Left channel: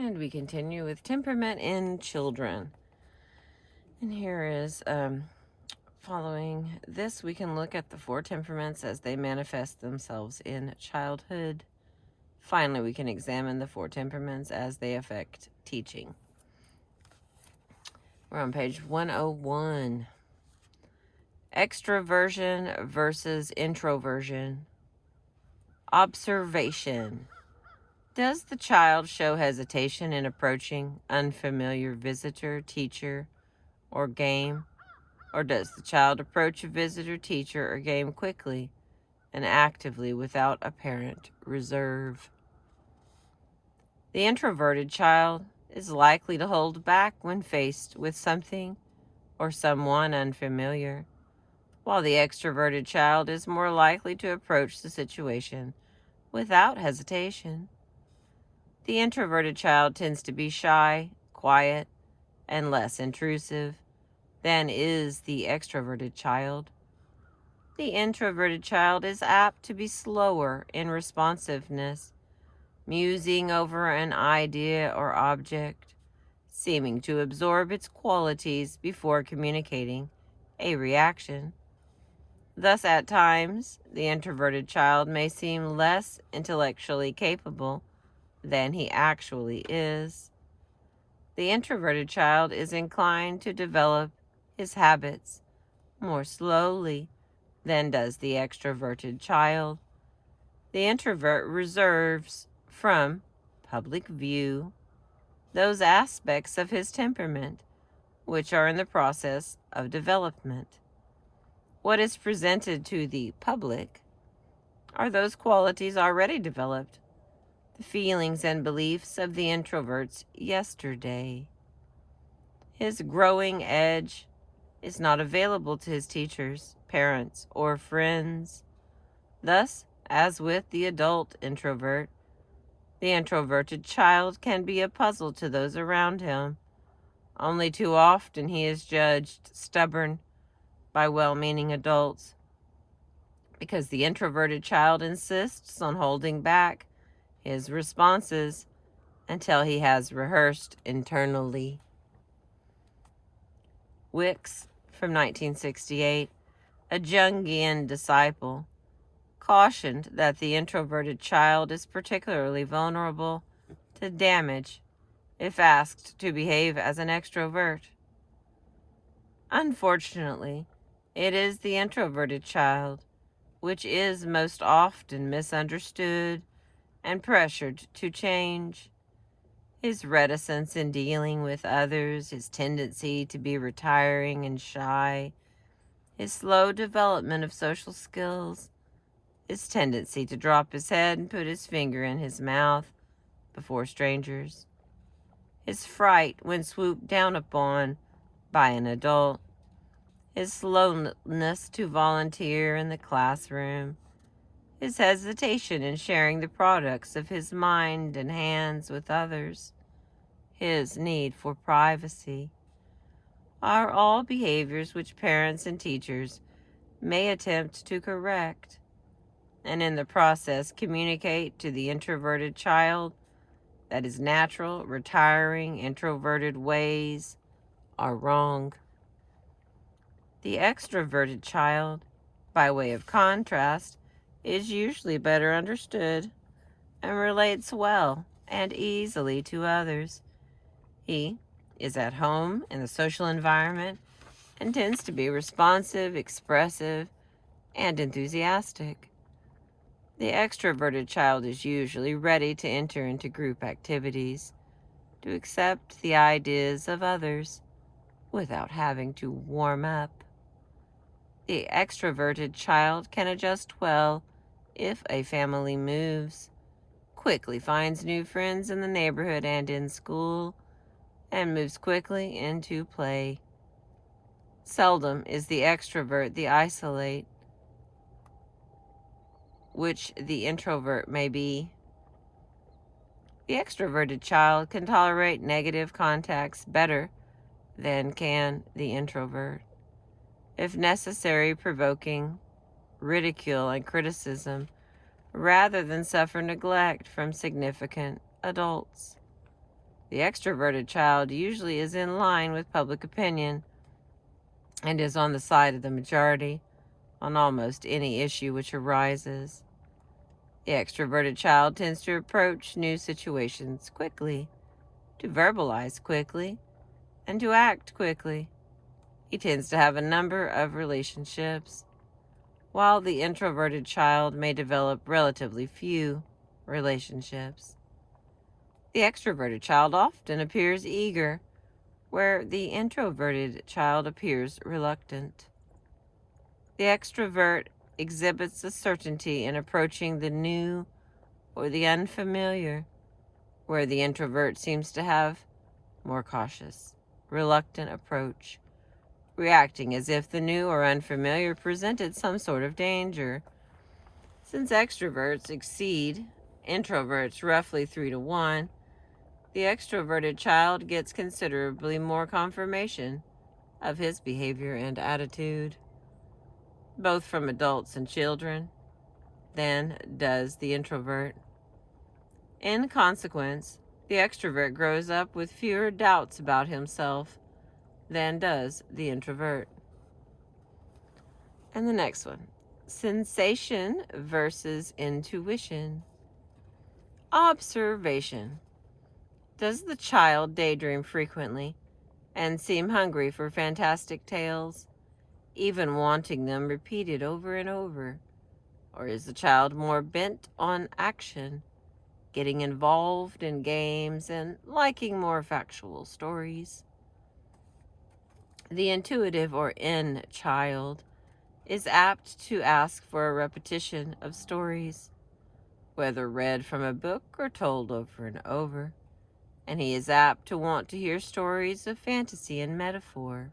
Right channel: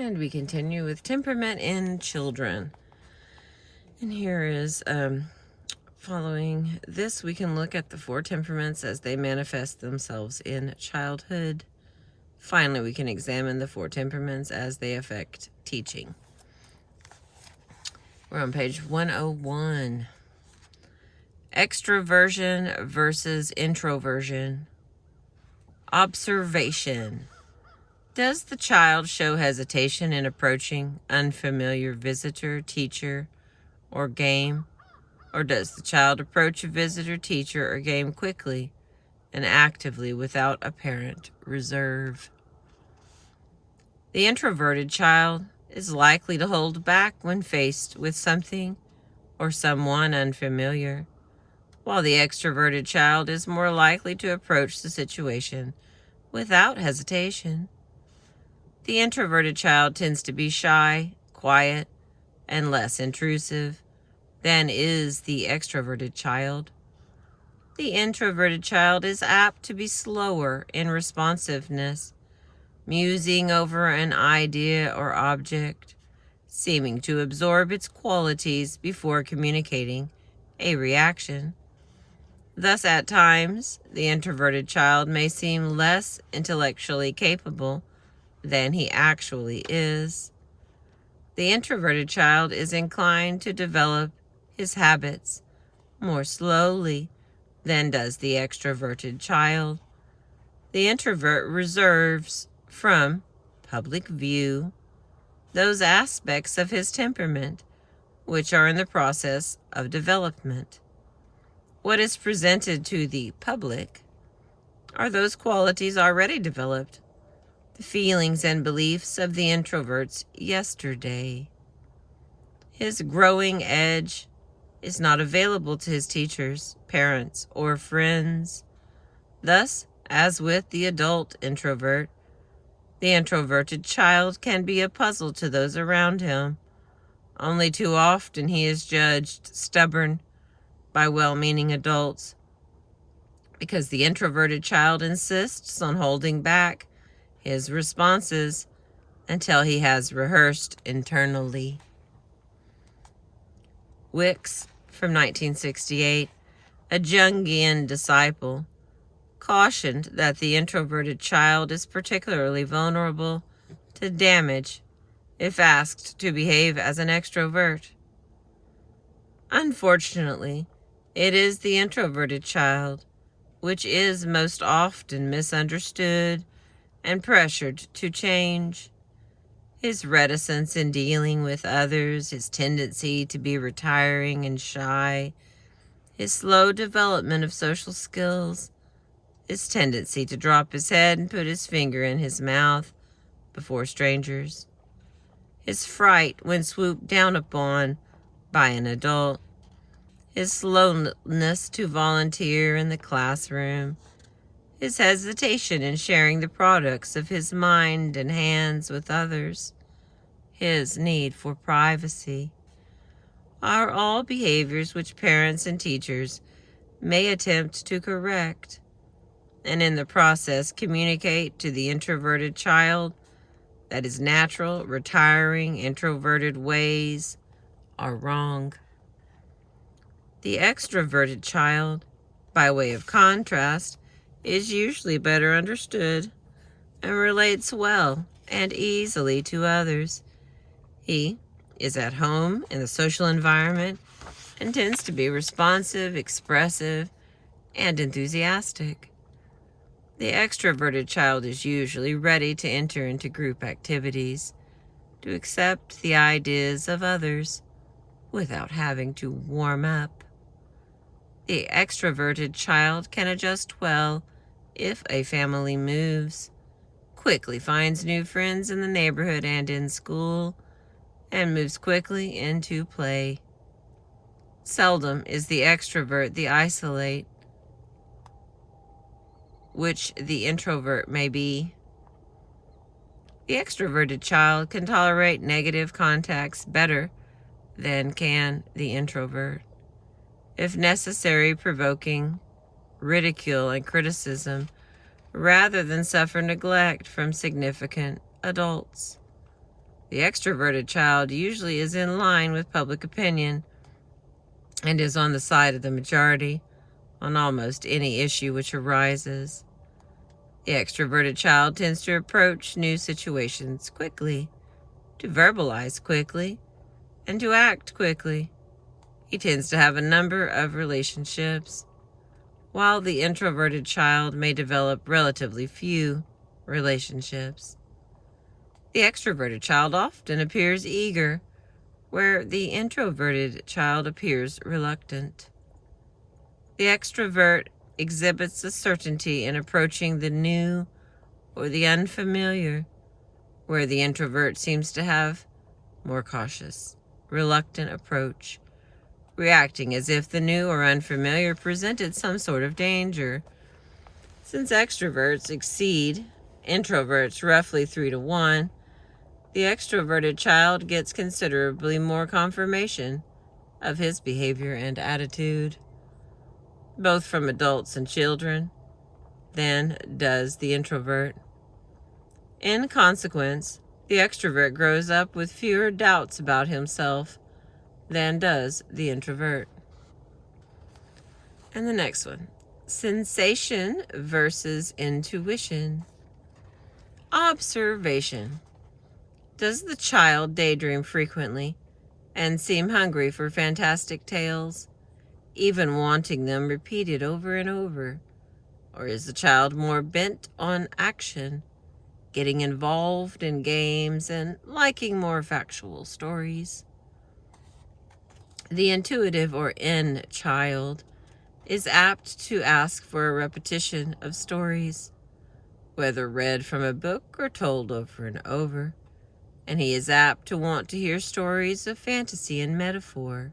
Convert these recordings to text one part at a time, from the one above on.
And we continue with Temperament in Children. And here is, following this, we can look at the 4 temperaments as they manifest themselves in childhood. Finally, we can examine the 4 temperaments as they affect teaching. We're on page 101. Extroversion versus introversion. Observation. Does the child show hesitation in approaching unfamiliar visitor, teacher, or game? Or does the child approach a visitor, teacher, or game quickly and actively without apparent reserve? The introverted child is likely to hold back when faced with something or someone unfamiliar, while the extroverted child is more likely to approach the situation without hesitation. The introverted child tends to be shy, quiet, and less intrusive than is the extroverted child. The introverted child is apt to be slower in responsiveness, musing over an idea or object, seeming to absorb its qualities before communicating a reaction. Thus, at times, the introverted child may seem less intellectually capable than he actually is. The introverted child is inclined to develop his habits more slowly than does the extroverted child. The introvert reserves from public view those aspects of his temperament which are in the process of development. What is presented to the public are those qualities already developed, the feelings and beliefs of the introvert's yesterday. His growing edge is not available to his teachers, parents, or friends. Thus, as with the adult introvert, the introverted child can be a puzzle to those around him. Only too often he is judged stubborn by well-meaning adults because the introverted child insists on holding back his responses until he has rehearsed internally. Wicks, from 1968, a Jungian disciple, cautioned that the introverted child is particularly vulnerable to damage if asked to behave as an extrovert. Unfortunately, it is the introverted child which is most often misunderstood and pressured to change. His reticence in dealing with others, his tendency to be retiring and shy, his slow development of social skills, his tendency to drop his head and put his finger in his mouth before strangers, his fright when swooped down upon by an adult, his slowness to volunteer in the classroom, his hesitation in sharing the products of his mind and hands with others, his need for privacy, are all behaviors which parents and teachers may attempt to correct, and in the process communicate to the introverted child that his natural, retiring, introverted ways are wrong. The extroverted child, by way of contrast, is usually better understood and relates well and easily to others. He is at home in the social environment and tends to be responsive, expressive, and enthusiastic. The extroverted child is usually ready to enter into group activities, to accept the ideas of others without having to warm up. The extroverted child can adjust well if a family moves, quickly finds new friends in the neighborhood and in school, and moves quickly into play. Seldom is the extrovert the isolate, which the introvert may be. The extroverted child can tolerate negative contacts better than can the introvert. If necessary, provoking ridicule and criticism rather than suffer neglect from significant adults. The extroverted child usually is in line with public opinion and is on the side of the majority on almost any issue which arises. The extroverted child tends to approach new situations quickly, to verbalize quickly, and to act quickly. He tends to have a number of relationships, while the introverted child may develop relatively few relationships. The extroverted child often appears eager, where the introverted child appears reluctant. The extrovert exhibits a certainty in approaching the new or the unfamiliar, where the introvert seems to have more cautious, reluctant approach, reacting as if the new or unfamiliar presented some sort of danger. Since extroverts exceed introverts roughly 3-1, the extroverted child gets considerably more confirmation of his behavior and attitude, both from adults and children, than does the introvert. In consequence, the extrovert grows up with fewer doubts about himself than does the introvert. And the next one, sensation versus intuition. Observation. Does the child daydream frequently and seem hungry for fantastic tales, even wanting them repeated over and over? Or is the child more bent on action, getting involved in games and liking more factual stories? The intuitive or in child is apt to ask for a repetition of stories, whether read from a book or told over and over, and he is apt to want to hear stories of fantasy and metaphor.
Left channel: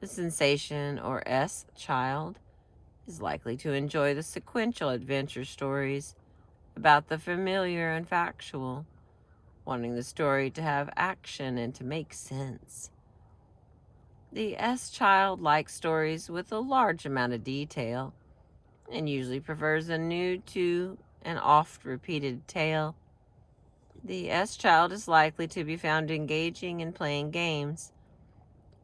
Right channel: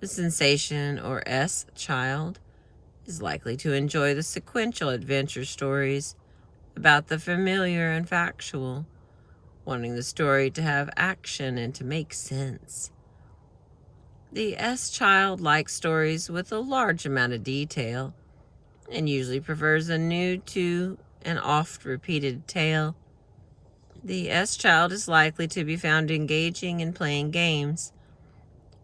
The sensation or S child is likely to enjoy the sequential adventure stories about the familiar and factual, wanting the story to have action and to make sense. The S child likes stories with a large amount of detail and usually prefers a new to an oft-repeated tale. The S child is likely to be found engaging in playing games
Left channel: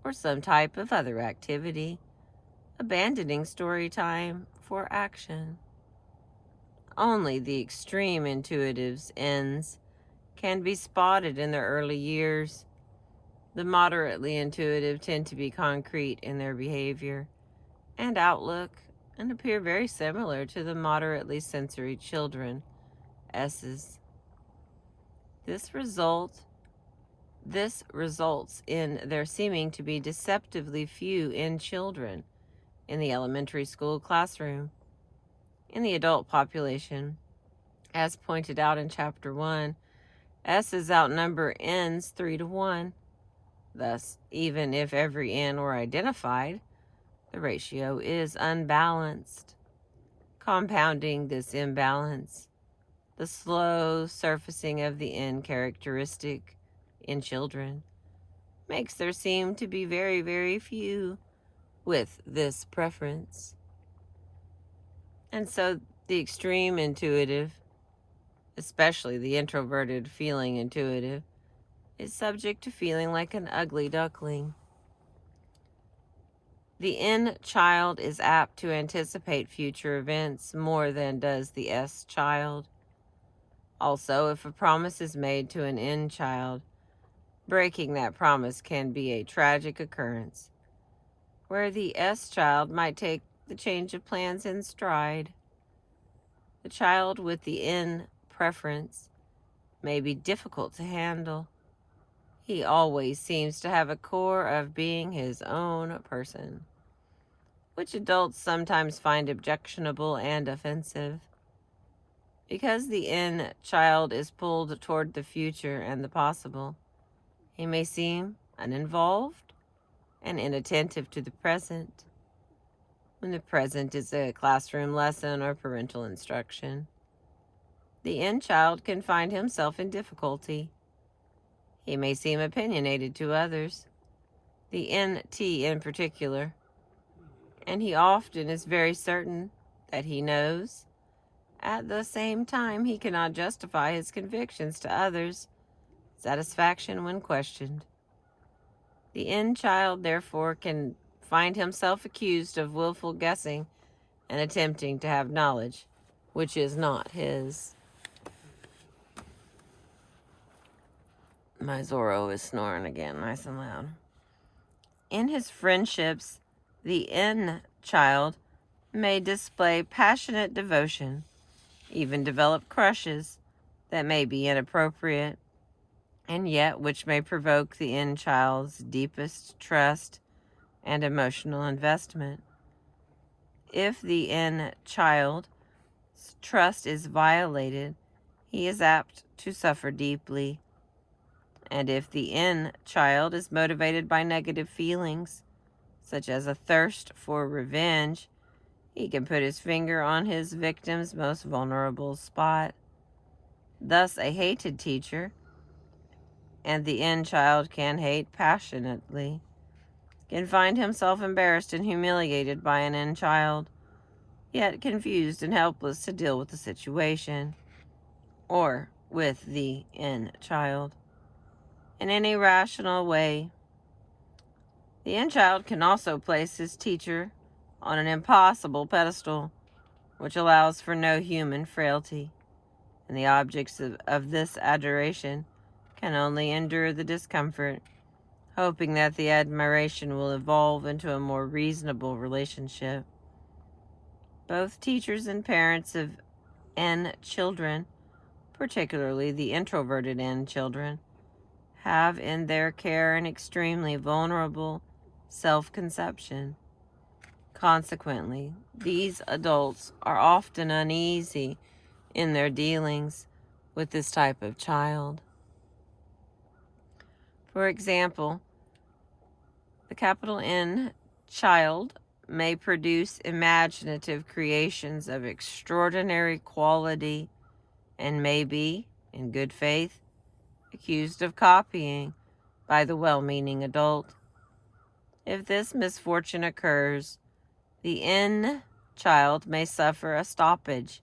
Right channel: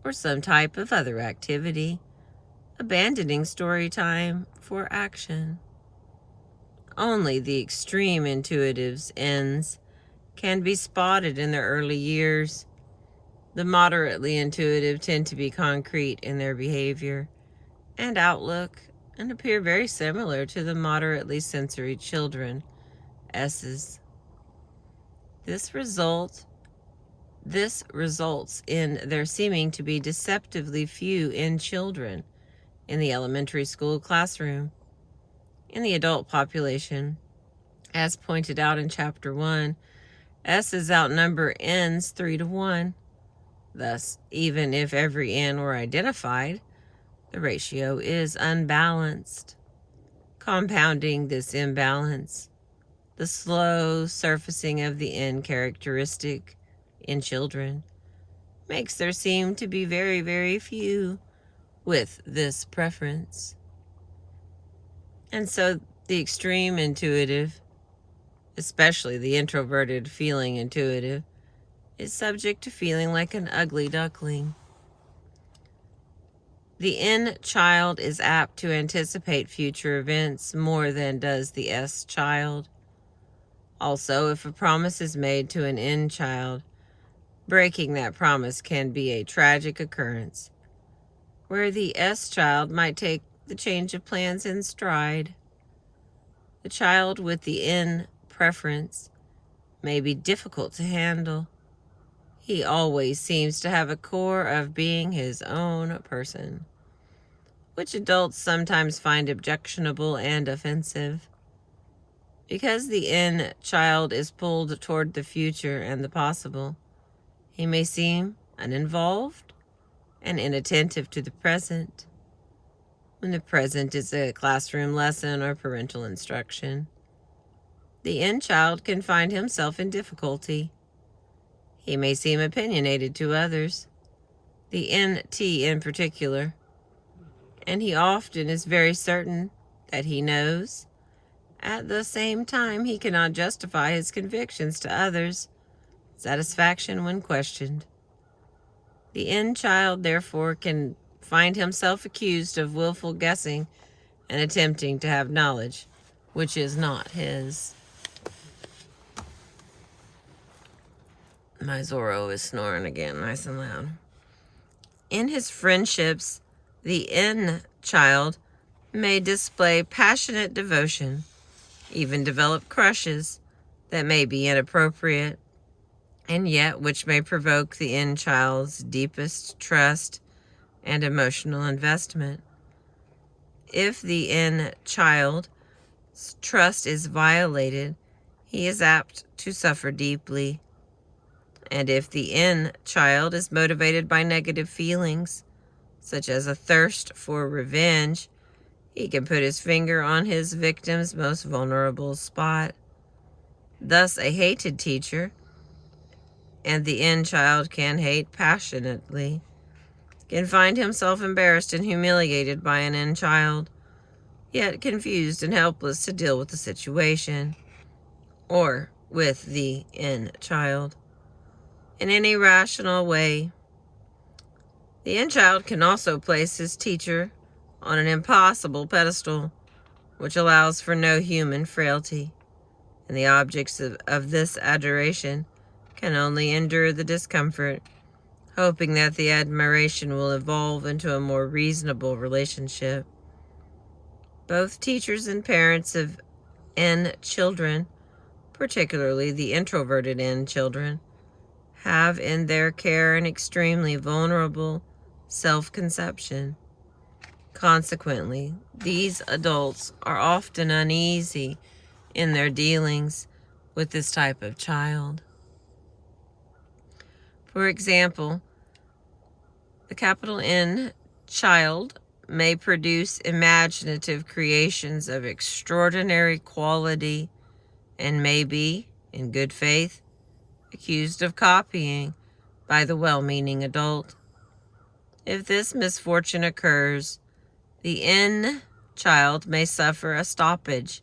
or some type of other activity, abandoning story time for action. Only the extreme intuitives' ends can be spotted in their early years. The moderately intuitive tend to be concrete in their behavior and outlook and appear very similar to the moderately sensory children, S's. This results in there seeming to be deceptively few in children in the elementary school classroom. In the adult population, as pointed out in Chapter 1, S's outnumber N's 3-1. Thus, even if every N were identified, the ratio is unbalanced. Compounding this imbalance, the slow surfacing of the N characteristic in children makes there seem to be very, very few with this preference. And so the extreme intuitive, especially the introverted feeling intuitive, is subject to feeling like an ugly duckling. The N child is apt to anticipate future events more than does the S child. Also, if a promise is made to an N child, breaking that promise can be a tragic occurrence, where the S child might take the change of plans in stride. The child with the N preference may be difficult to handle. He always seems to have a core of being his own person, which adults sometimes find objectionable and offensive. Because the N child is pulled toward the future and the possible, he may seem uninvolved and inattentive to the present, when the present is a classroom lesson or parental instruction. The N child can find himself in difficulty. He may seem opinionated to others, the NT in particular, and he often is very certain that he knows. At the same time, he cannot justify his convictions to others, satisfaction when questioned. The N child, therefore, can find himself accused of willful guessing and attempting to have knowledge, which is not his. My Zorro is snoring again, nice and loud. In his friendships, the N child may display passionate devotion, even develop crushes that may be inappropriate, and yet which may provoke the N child's deepest trust and emotional investment. If the N child's trust is violated, he is apt to suffer deeply. And if the N child is motivated by negative feelings, such as a thirst for revenge, he can put his finger on his victim's most vulnerable spot. Thus, a hated teacher, and the N child can hate passionately, can find himself embarrassed and humiliated by an N child, yet confused and helpless to deal with the situation, or with the N child, in any rational way. The N child can also place his teacher on an impossible pedestal, which allows for no human frailty, and the objects of this adoration can only endure the discomfort, hoping that the admiration will evolve into a more reasonable relationship. Both teachers and parents of N children, particularly the introverted N children, have in their care an extremely vulnerable self-conception. Consequently, these adults are often uneasy in their dealings with this type of child. For example, the capital N child may produce imaginative creations of extraordinary quality and may be, in good faith, accused of copying by the well-meaning adult. If this misfortune occurs, the N child may suffer a stoppage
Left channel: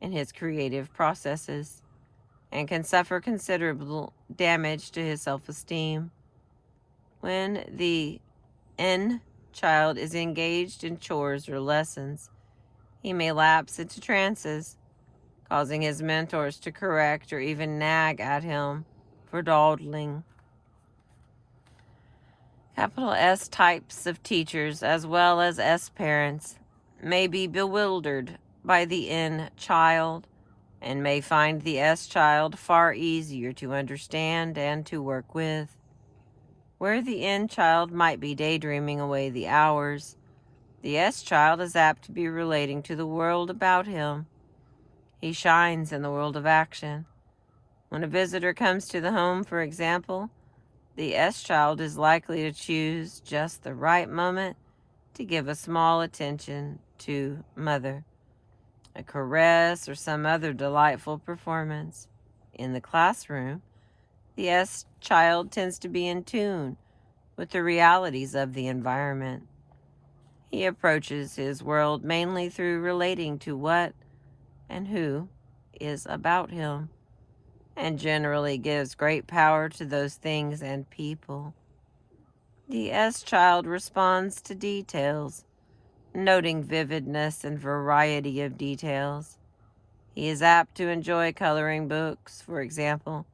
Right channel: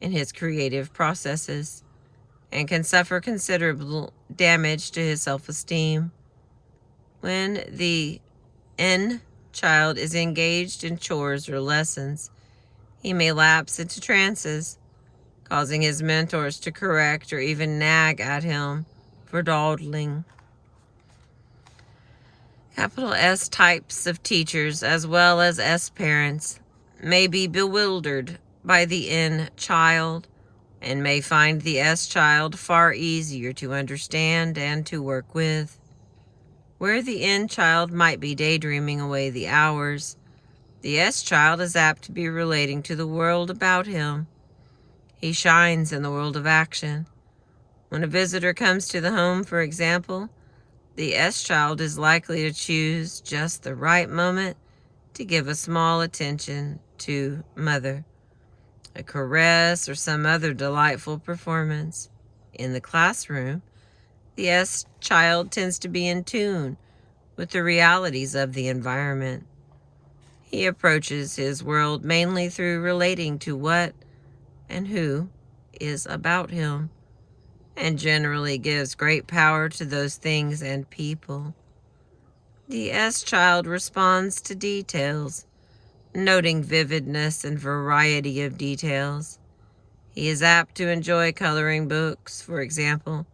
in his creative processes and can suffer considerable damage to his self-esteem. When the N child is engaged in chores or lessons, he may lapse into trances, causing his mentors to correct or even nag at him for dawdling. Capital S types of teachers, as well as S parents, may be bewildered by the N child and may find the S child far easier to understand and to work with. Where the N child might be daydreaming away the hours, the S child is apt to be relating to the world about him. He shines in the world of action. When a visitor comes to the home, for example, the S child is likely to choose just the right moment to give a small attention to mother, a caress, or some other delightful performance. In the classroom, the S child tends to be in tune with the realities of the environment. He approaches his world mainly through relating to what and who is about him, and generally gives great power to those things and people. The S child responds to details, noting vividness and variety of details. He is apt to enjoy coloring books, for example,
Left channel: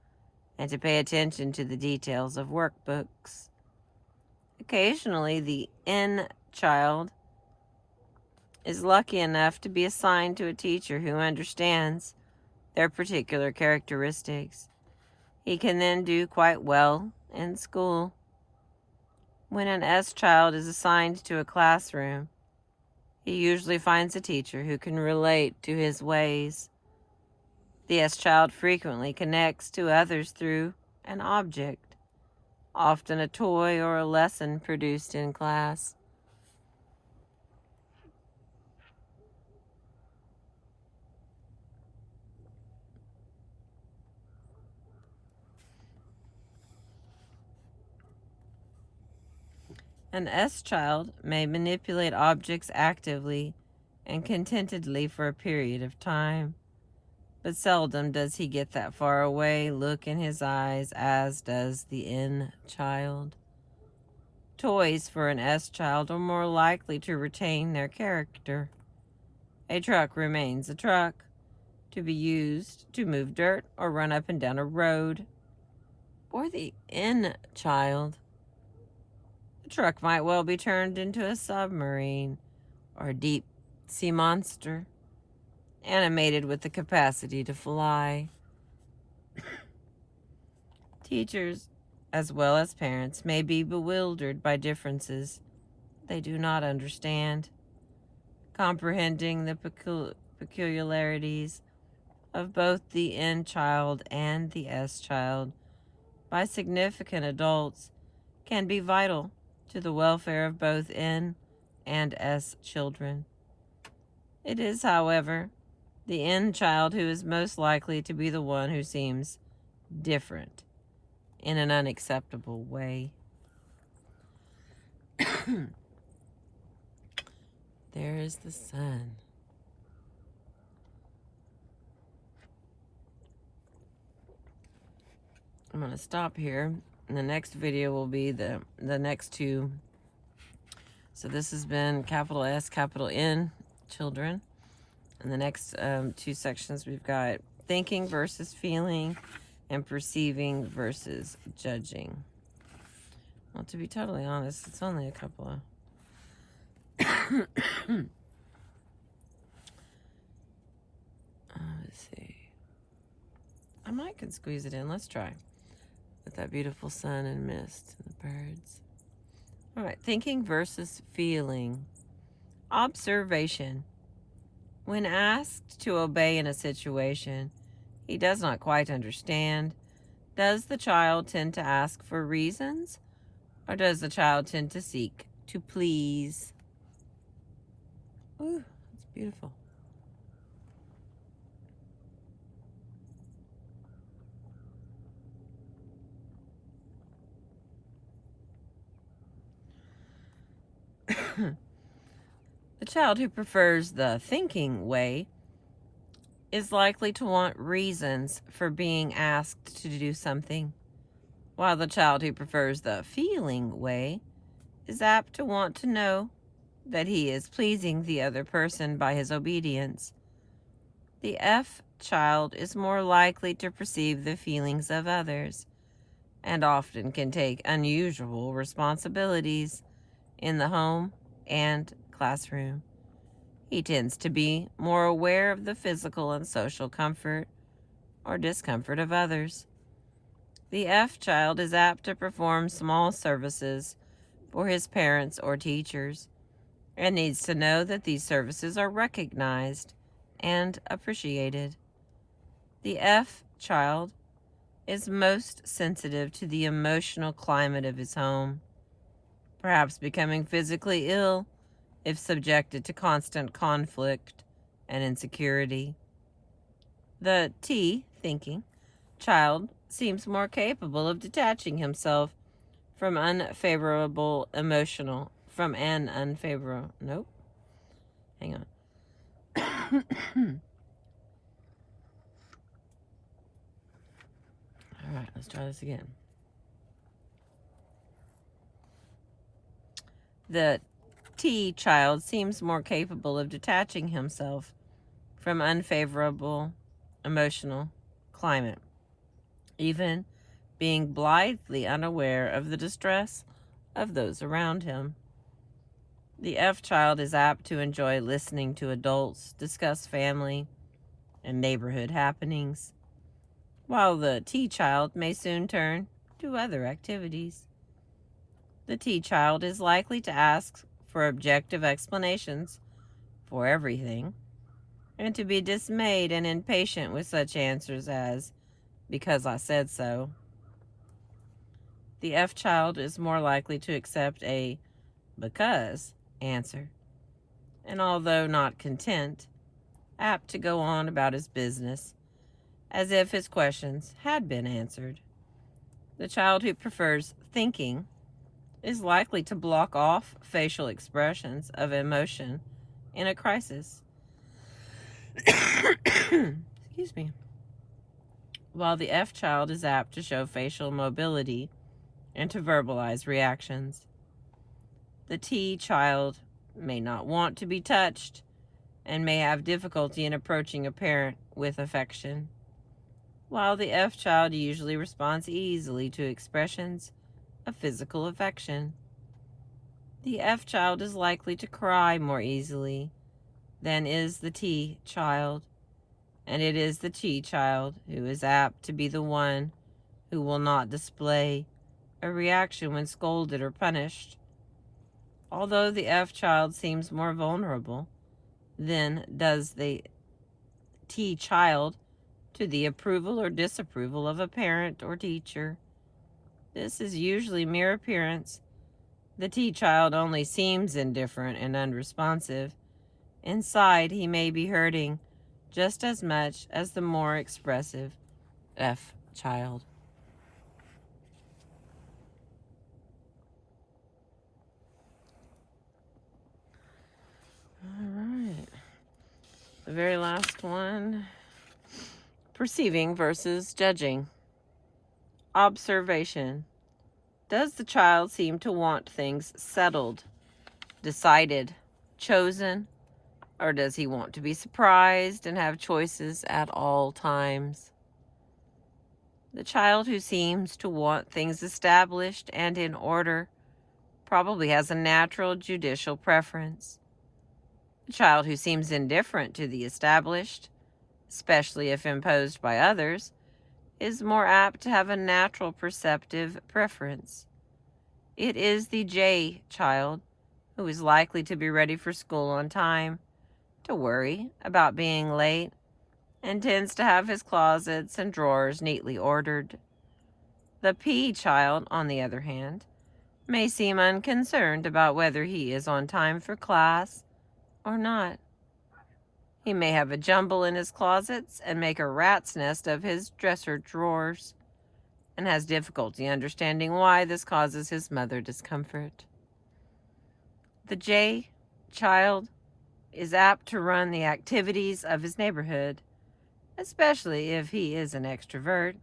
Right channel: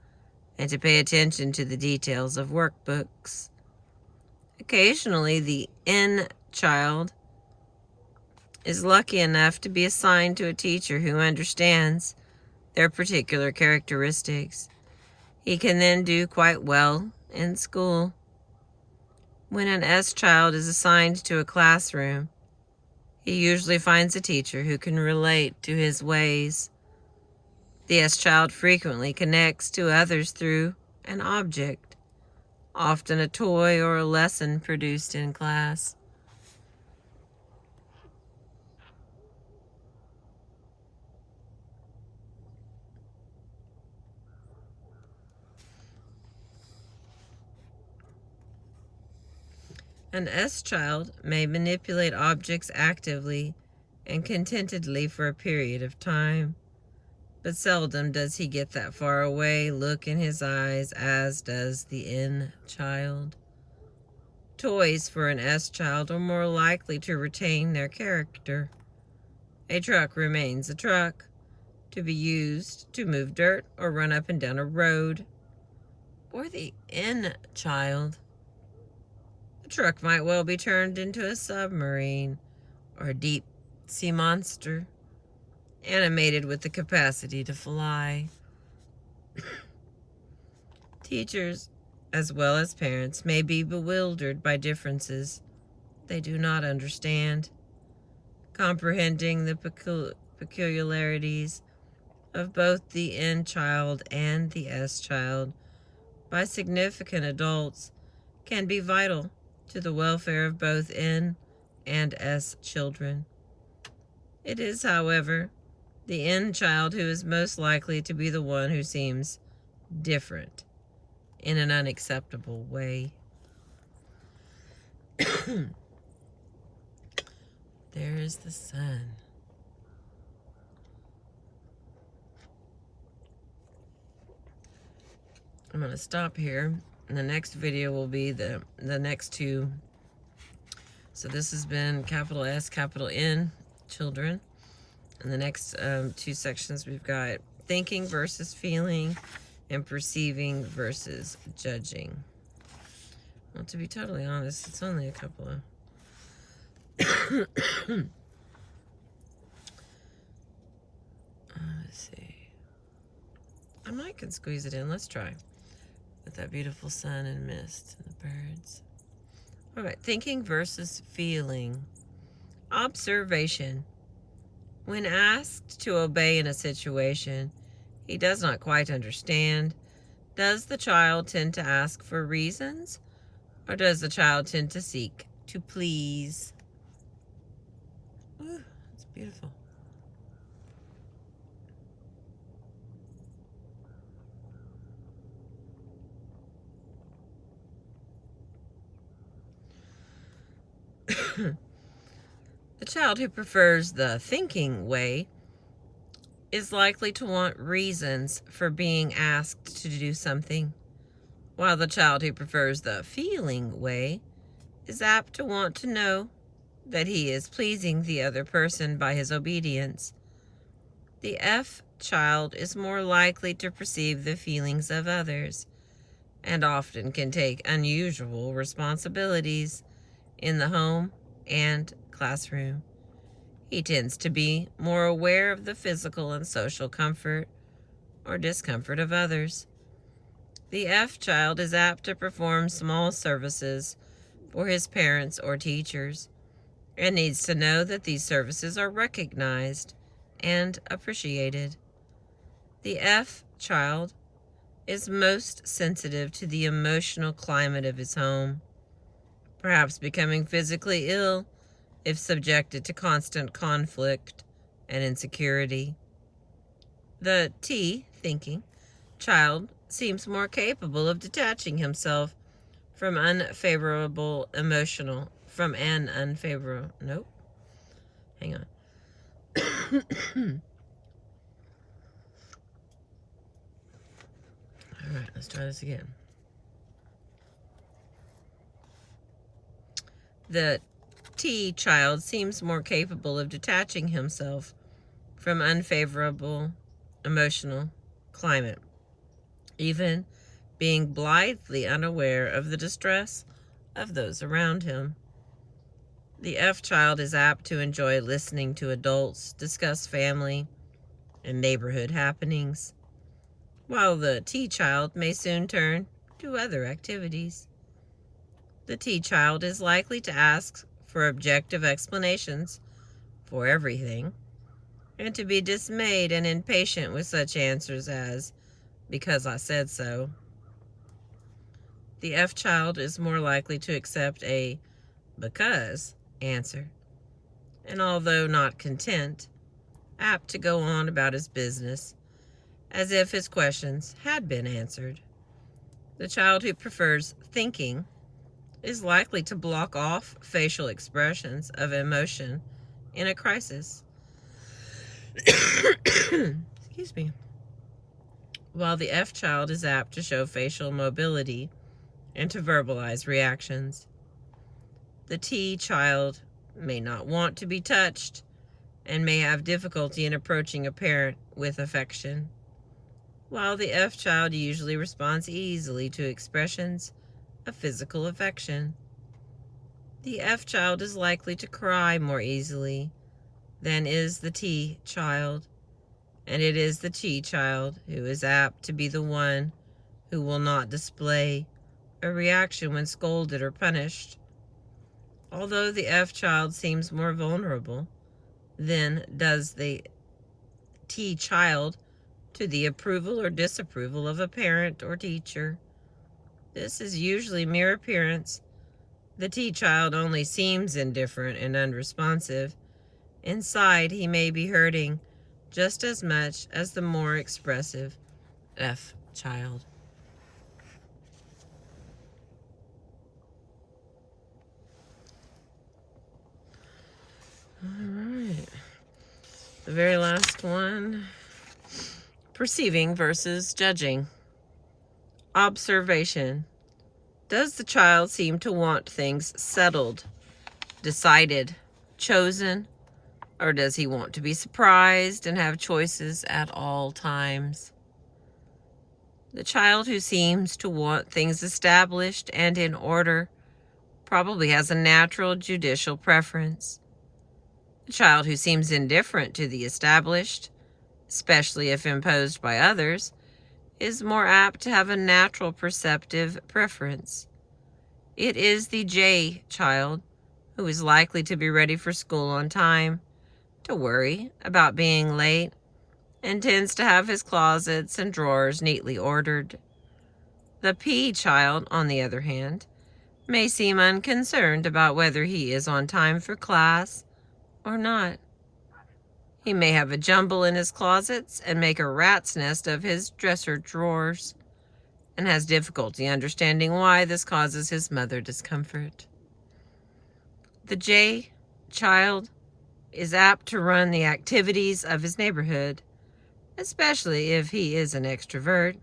and to pay attention to the details of workbooks. Occasionally, the N child is lucky enough to be assigned to a teacher who understands their particular characteristics. He can then do quite well in school. When an S child is assigned to a classroom, he usually finds a teacher who can relate to his ways. The S child frequently connects to others through an object, often a toy or a lesson produced in class. An S child may manipulate objects actively and contentedly for a period of time, but seldom does he get that far away look in his eyes as does the N child. Toys for an S child are more likely to retain their character. A truck remains a truck, to be used to move dirt or run up and down a road. For the N child, the truck might well be turned into a submarine or a deep sea monster, animated with the capacity to fly. Teachers, as well as parents, may be bewildered by differences they do not understand. Comprehending the peculiarities of both the N child and the S child by significant adults can be vital to the welfare of both N and S children. It is, however, the N child who is most likely to be the one who seems different in an unacceptable way. There is the sun. I'm going to stop here. And the next video will be the next two. So this has been capital S, capital N, children. In the next two sections, we've got thinking versus feeling and perceiving versus judging. Well, to be totally honest, it's only a couple of... Let's see. I might can squeeze it in. Let's try. With that beautiful sun and mist and the birds. All right, thinking versus feeling. Observation. When asked to obey in a situation he does not quite understand, does the child tend to ask for reasons, or does the child tend to seek to please? Ooh, that's beautiful. The child who prefers the thinking way is likely to want reasons for being asked to do something, while the child who prefers the feeling way is apt to want to know that he is pleasing the other person by his obedience. The F child is more likely to perceive the feelings of others and often can take unusual responsibilities in the home and classroom. He tends to be more aware of the physical and social comfort or discomfort of others. The F child is apt to perform small services for his parents or teachers and needs to know that these services are recognized and appreciated. The F child is most sensitive to the emotional climate of his home, perhaps becoming physically ill if subjected to constant conflict and insecurity. The T, thinking, child seems more capable of detaching himself from an unfavorable. All right, let's try this again. The T child seems more capable of detaching himself from unfavorable emotional climate, even being blithely unaware of the distress of those around him. The F child is apt to enjoy listening to adults discuss family and neighborhood happenings, while the T child may soon turn to other activities. The T child is likely to ask for objective explanations for everything, and to be dismayed and impatient with such answers as, "because I said so." The F child is more likely to accept a "because" answer, and although not content, apt to go on about his business as if his questions had been answered. The child who prefers thinking is likely to block off facial expressions of emotion in a crisis. Excuse me. while the F child is apt to show facial mobility and to verbalize reactions. The T child may not want to be touched and may have difficulty in approaching a parent with affection, while the F child usually responds easily to expressions of physical affection. The F child is likely to cry more easily than is the T child, and it is the T child who is apt to be the one who will not display a reaction when scolded or punished. Although the F child seems more vulnerable than does the T child to the approval or disapproval of a parent or teacher, this is usually mere appearance. The T child only seems indifferent and unresponsive. Inside, he may be hurting just as much as the more expressive F child. All right. The very last one, perceiving versus judging. Observation. Does the child seem to want things settled, decided, chosen, or does he want to be surprised and have choices at all times? The child who seems to want things established and in order probably has a natural judicial preference. The child who seems indifferent to the established, especially if imposed by others, is more apt to have a natural perceptive preference. It is the J child who is likely to be ready for school on time, to worry about being late, and tends to have his closets and drawers neatly ordered. The P child, on the other hand, may seem unconcerned about whether he is on time for class or not. He may have a jumble in his closets and make a rat's nest of his dresser drawers, and has difficulty understanding why this causes his mother discomfort. The J child is apt to run the activities of his neighborhood, especially if he is an extrovert.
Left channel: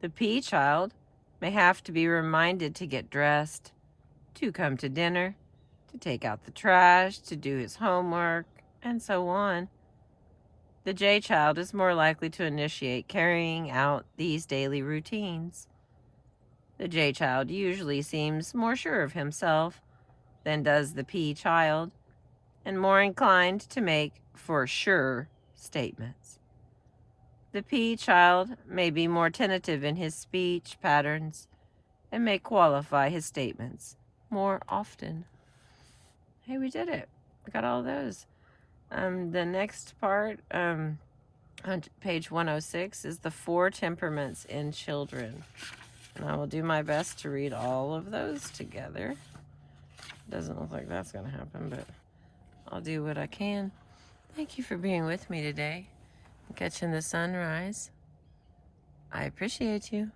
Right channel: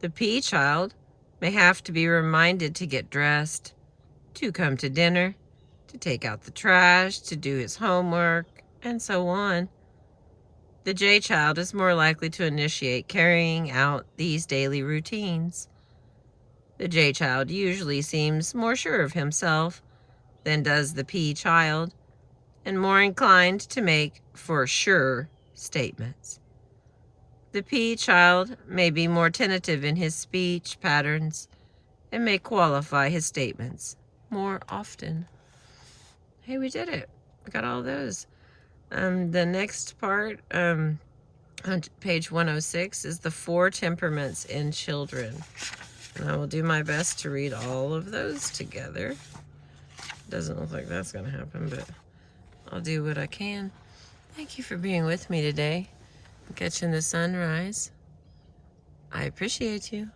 The P child may have to be reminded to get dressed, to come to dinner, to take out the trash, to do his homework, and so on. The J child is more likely to initiate carrying out these daily routines. The J child usually seems more sure of himself than does the P child, and more inclined to make for sure statements. The P child may be more tentative in his speech patterns and may qualify his statements more often. Hey, we did it. We got all those. The next part, on page 106, is the 4 temperaments in children. And I will do my best to read all of those together. Doesn't look like that's going to happen, but I'll do what I can. Thank you for being with me today, catching the sunrise. I appreciate you.